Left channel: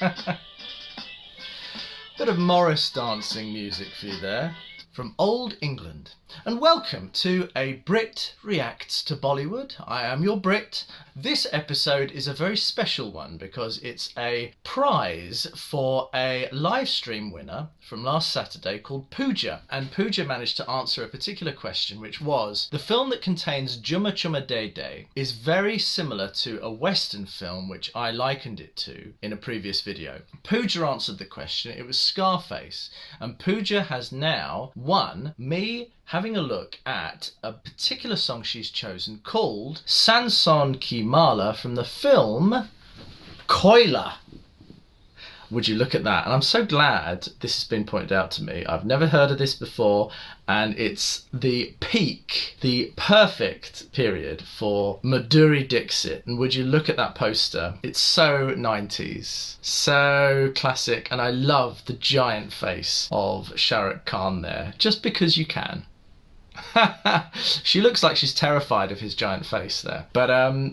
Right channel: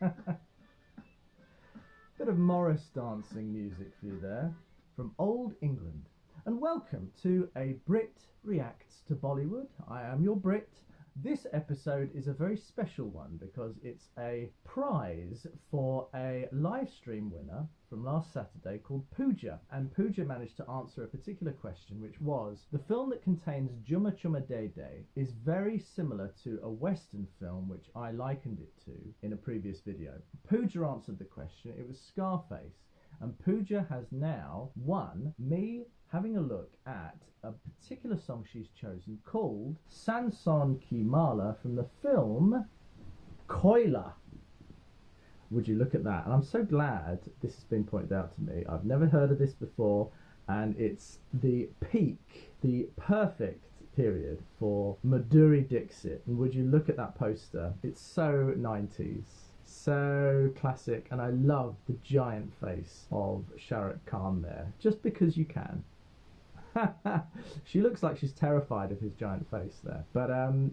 Bit of Morris dancing music for you there, from old England. And welcome to a Brit Reacts to Bollywood. I am your Brit. This episode is a very special one because it's a prize for a live stream winner from last Saturday called Pooja. And Pooja managed to answer a particular question, which was, the film that contains Jumma Chumma Day Day is very similar to a Western film which I likened it to in a previous video. Pooja answered the question. It was Scarface. And Pooja has now won me having a look at a particular song she's chosen called SAANSON Ki Mala from the film KOYLA. Would you look at that? And I'm so glad this has been pointed out to me. I've never heard of this before, and it's the peak, the perfect period for Madhuri Dixit. And would you look at that poster? It's so 90s, so classic, and I love the giant face of Shah Rukh there, just because you can. She looks like she's terrified of his giant face there. But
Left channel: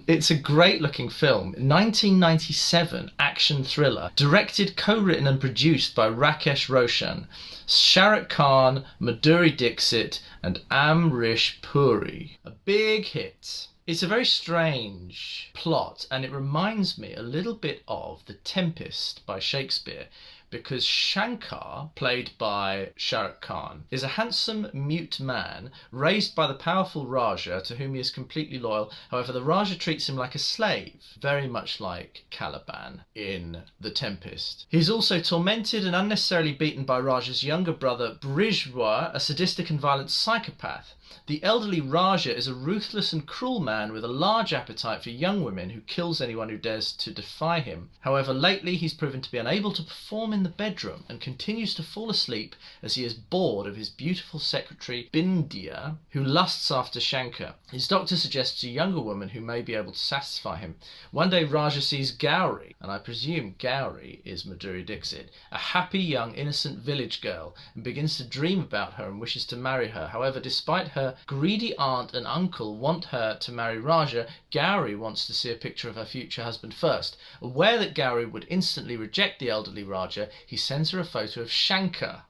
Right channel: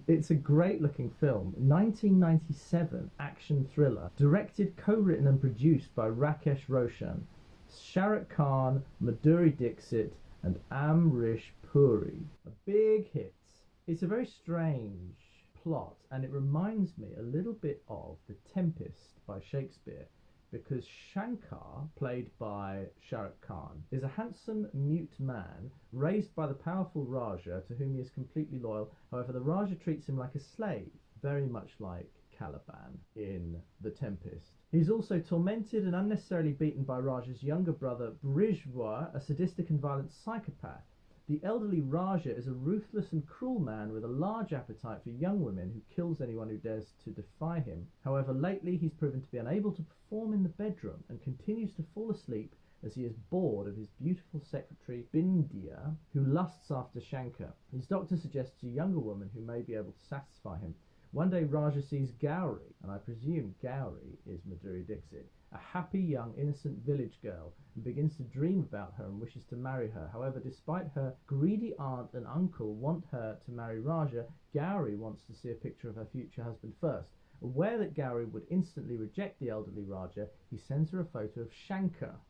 it's a great looking film. 1997 action thriller, directed, co-written and produced by Rakesh Roshan, Shah Rukh Khan, Madhuri Dixit and Amrish Puri. A big hit. It's a very strange plot, and it reminds me a little bit of The Tempest by Shakespeare, because Shankar, played by Shah Rukh Khan, is a handsome, mute man raised by the powerful Raja to whom he is completely loyal. However, the Raja treats him like a slave, very much like Caliban in The Tempest. He's also tormented and unnecessarily beaten by Raja's younger brother Brijwa, a sadistic and violent psychopath. The elderly Raja is a ruthless and cruel man with a large appetite for young women who kills anyone who dares to defy him. However, lately he's proven to be unable to perform in the bedroom and continues to fall asleep as he is bored of his beautiful secretary Bindya, who lusts after Shankar. His doctor suggests a younger woman who may be able to satisfy him. One day Raja sees Gauri, and I presume Gauri is Madhuri Dixit, a happy young innocent village girl, and begins to dream about her and wishes to marry her. However, despite her greedy aunt and uncle want her to marry Raja, Gauri wants to see a picture of her future husband first. Aware that Gauri would instantly reject the elderly Raja, he sends her a photo of Shankar.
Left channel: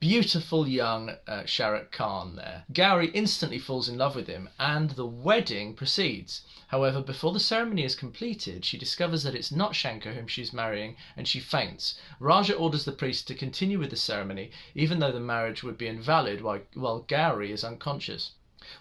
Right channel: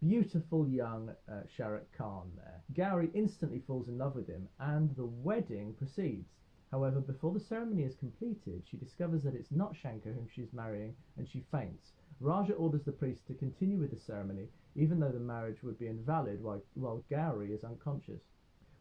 Beautiful young Shah Rukh Khan there. Gauri instantly falls in love with him and the wedding proceeds. However, before the ceremony is completed, she discovers that it's not Shankar whom she's marrying and she faints. Raja orders the priest to continue with the ceremony even though the marriage would be invalid while Gauri is unconscious.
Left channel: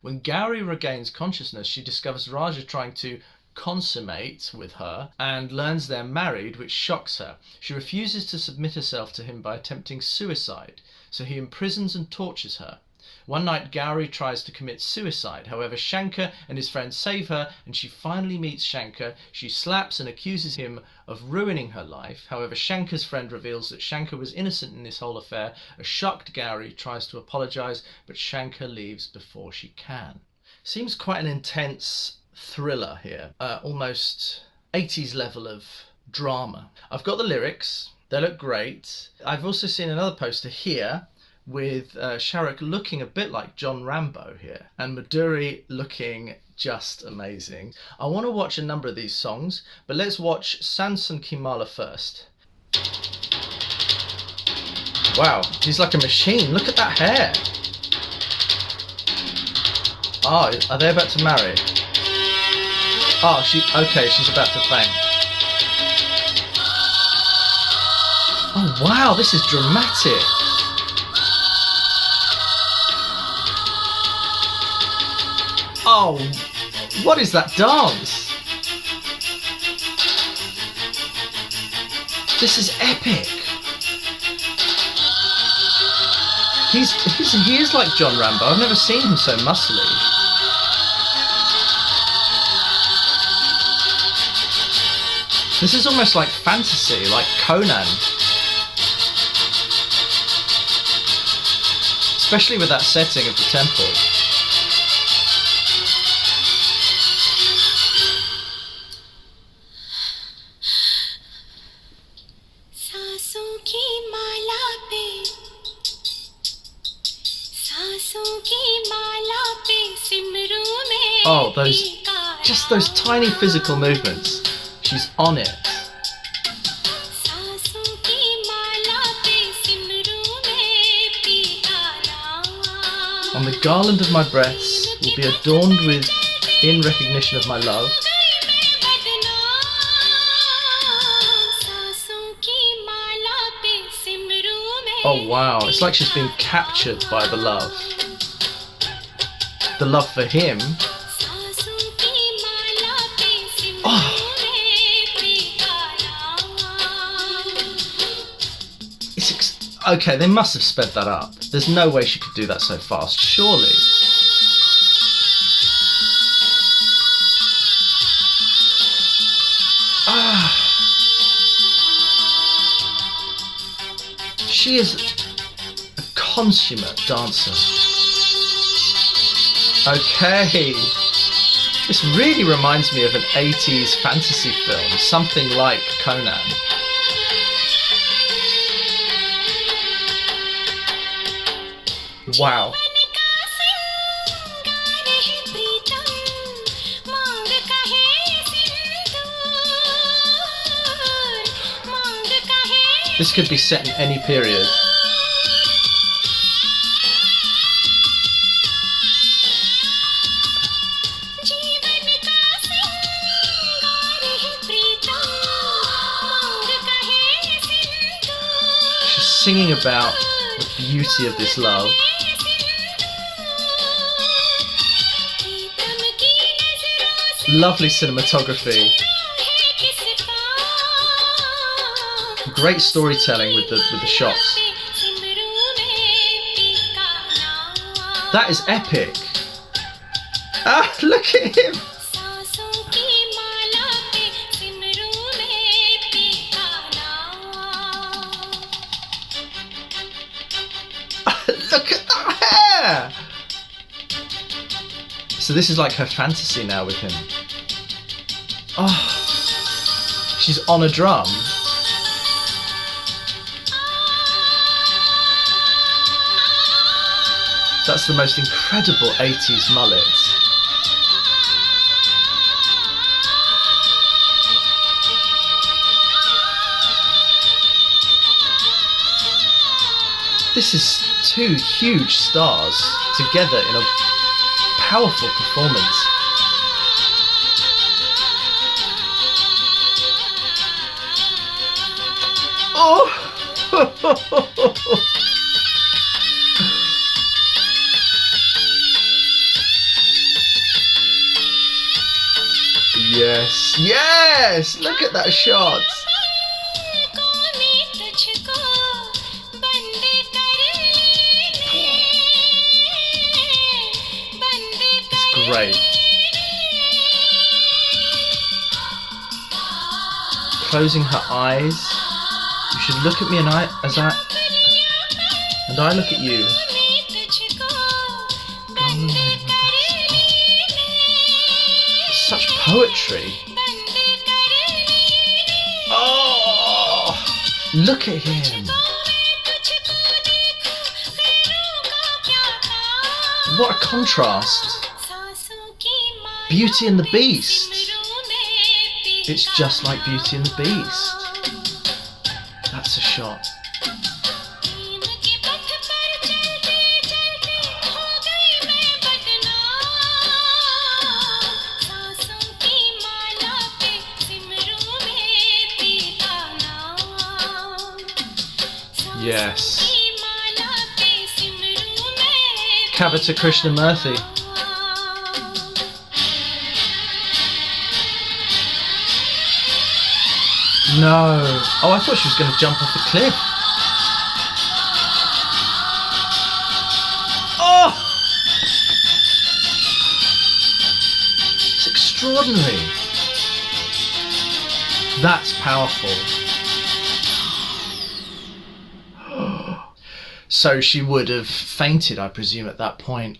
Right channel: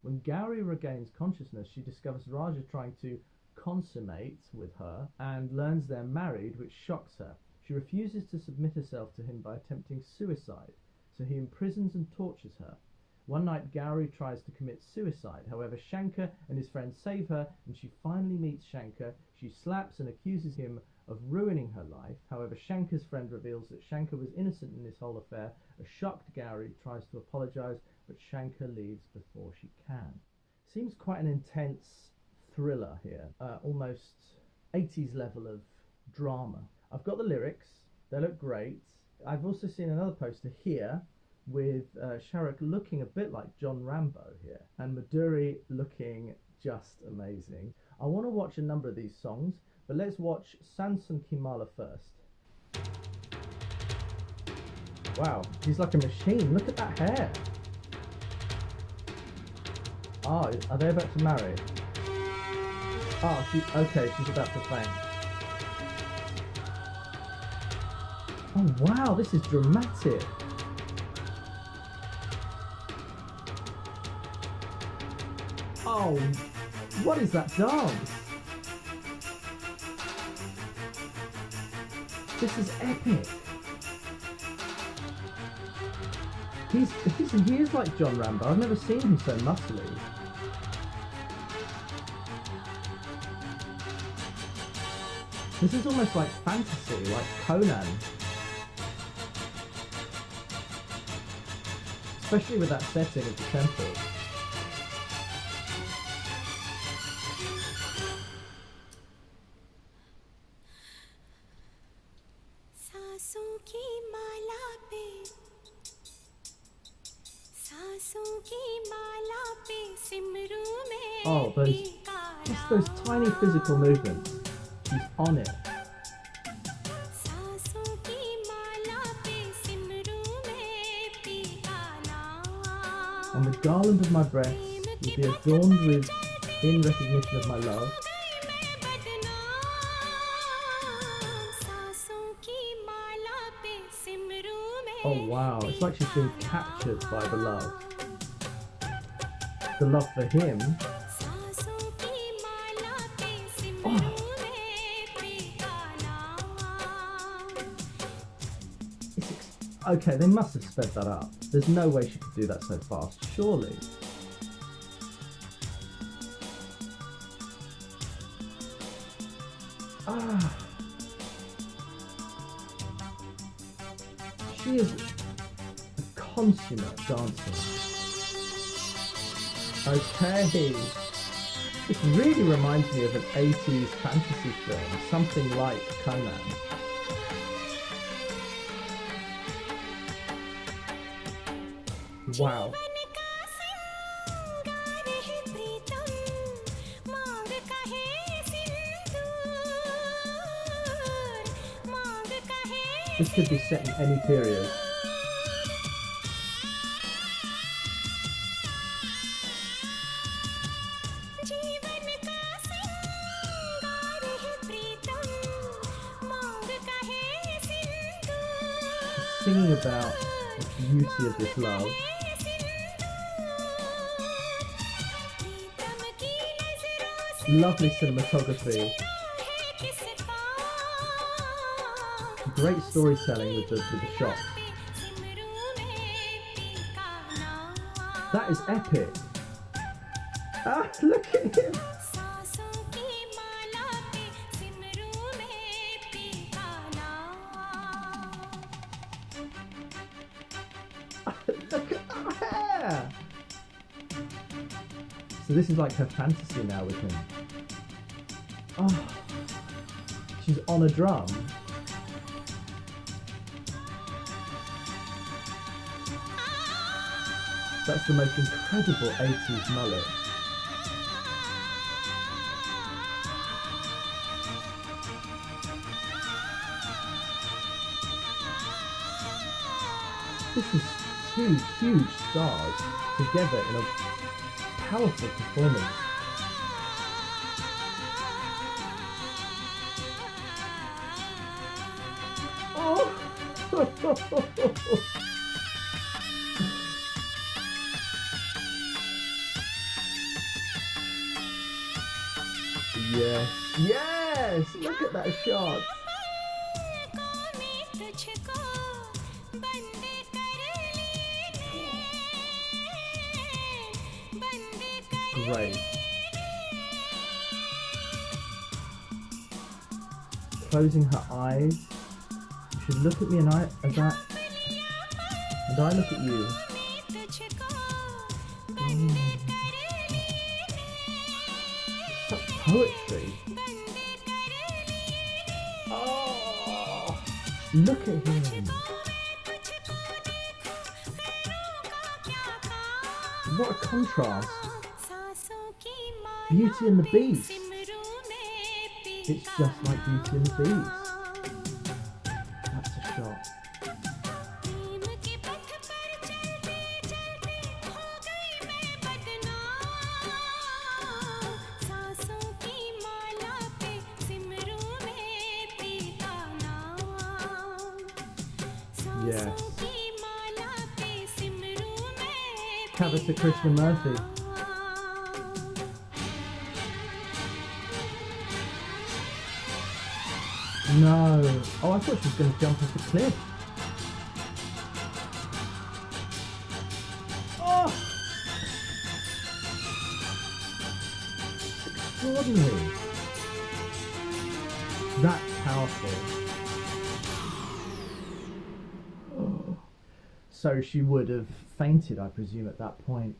When Gauri regains consciousness, she discovers Raja trying to consummate with her and learns they're married, which shocks her. She refuses to submit herself to him by attempting suicide, so he imprisons and tortures her. One night Gauri tries to commit suicide. However, Shankar and his friends save her and she finally meets Shankar. She slaps and accuses him of ruining her life. However, Shankar's friend reveals that Shankar was innocent in this whole affair. A shocked Gauri tries to apologise, but Shankar leaves before she can. Seems quite an intense thriller here, almost 80s level of drama. I've got the lyrics, they look great. I've also seen another poster here with Shah Rukh looking a bit like John Rambo here, and Madhuri looking just amazing. I want to watch a number of these songs, but let's watch SAANSON Ki Mala first. Wow, he's like a machine. Look at that hair. Oh, are they about to marry? Oh, she's about to faint. Oh wow, this is dramatic. Oh, what is that dance? This is epic. He is like John Rambo. I've never seen him so muscly. This is almost like fantasy, like Conan. Especially with that setting of the temple. Oh, those tiny physical movements. She's on it. On the garland of my breasts will be adorned with, in recognition of my love. Oh wow, it's like she's been captured by the love. The love for him. Oh. Okay, they must have sped that up. There's no way she could do that so fast, surely. Ah. She is a consummate dancer. Okay. This really reminds me of an 80s fantasy film, something like Conan. Wow. This could be set in any period. She's singing about the beauty of this love. Lovely cinematography. Great storytelling with the shots. That is epic. Ah, look at him. Look at that hair. So this is like her fantasy now with him. Oh, she's on a drum. That's the most incredible 80s mullet. This is two huge stars together in a powerful performance. Oh! Yes, yes! Look at that shot! It's great. Closing her eyes. You should look at me and I look at you. Such poetry. Oh, look at him. What a contrast. Beauty and the Beast. It's just like Beauty and the Beast. That's a shot. Yes. Kavita Krishnamurthy. No. Oh, I thought she was going to jump off a cliff. Oh! It's extraordinary. That's powerful. So she would have fainted, I presume, at that point.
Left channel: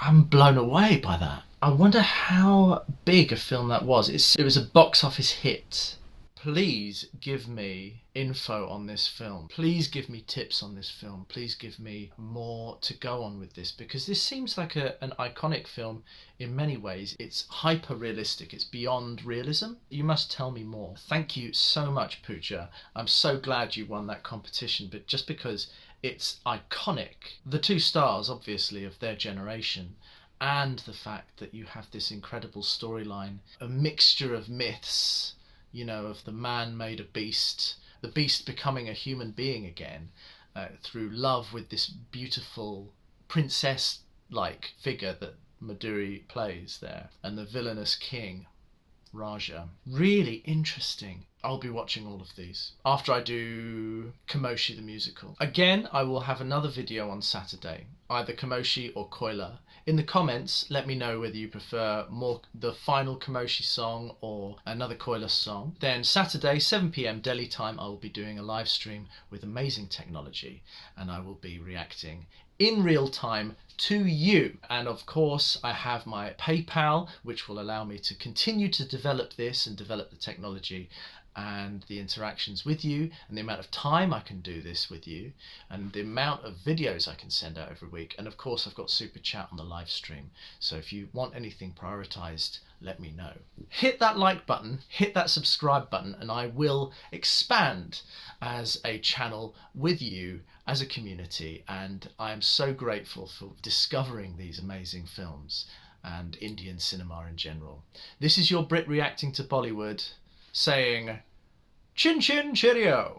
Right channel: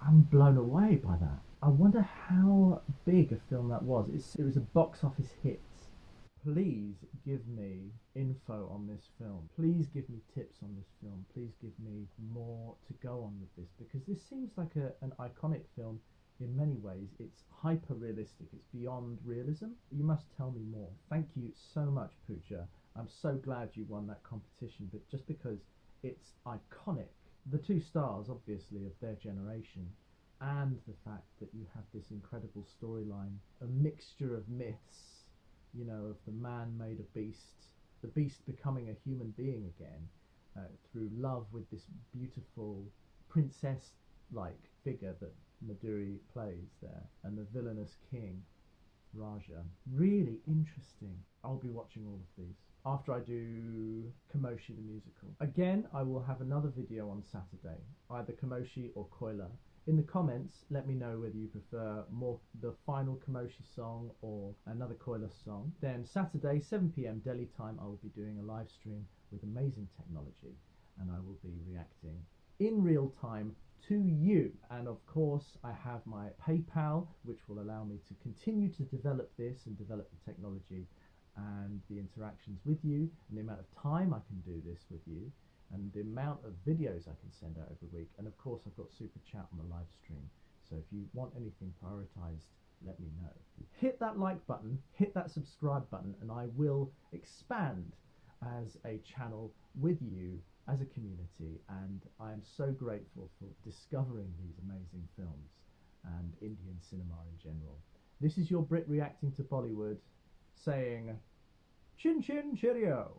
I'm blown away by that. I wonder how big a film that was. It was a box office hit. Please give me info on this film. Please give me tips on this film. Please give me more to go on with this, because this seems like an iconic film in many ways. It's hyper realistic. It's beyond realism. You must tell me more. Thank you so much, Pooja. I'm so glad you won that competition, but just because It's iconic. The two stars, obviously, of their generation, and the fact that you have this incredible storyline, a mixture of myths, you know, of the man made a beast, the beast becoming a human being again, through love with this beautiful princess-like figure that Madhuri plays there, and the villainous king, Raja. Really interesting. I'll be watching all of these after I do Kamoshi the musical. Again, I will have another video on Saturday, either Kamoshi or KOYLA. In the comments, let me know whether you prefer more the final Kamoshi song or another KOYLA song. Then Saturday, 7 p.m. Delhi time, I will be doing a live stream with amazing technology, and I will be reacting in real time to you. And of course, I have my PayPal, which will allow me to continue to develop this and develop the technology and the interactions with you, and the amount of time I can do this with you, and the amount of videos I can send out every week. And of course, I've got super chat on the live stream, so if you want anything prioritized, let me know. Hit that like button, hit that subscribe button, and I will expand as a channel with you as a community. And I am so grateful for discovering these amazing films and Indian cinema in general. This is your Brit reacting to Bollywood, saying chin chin cheerio.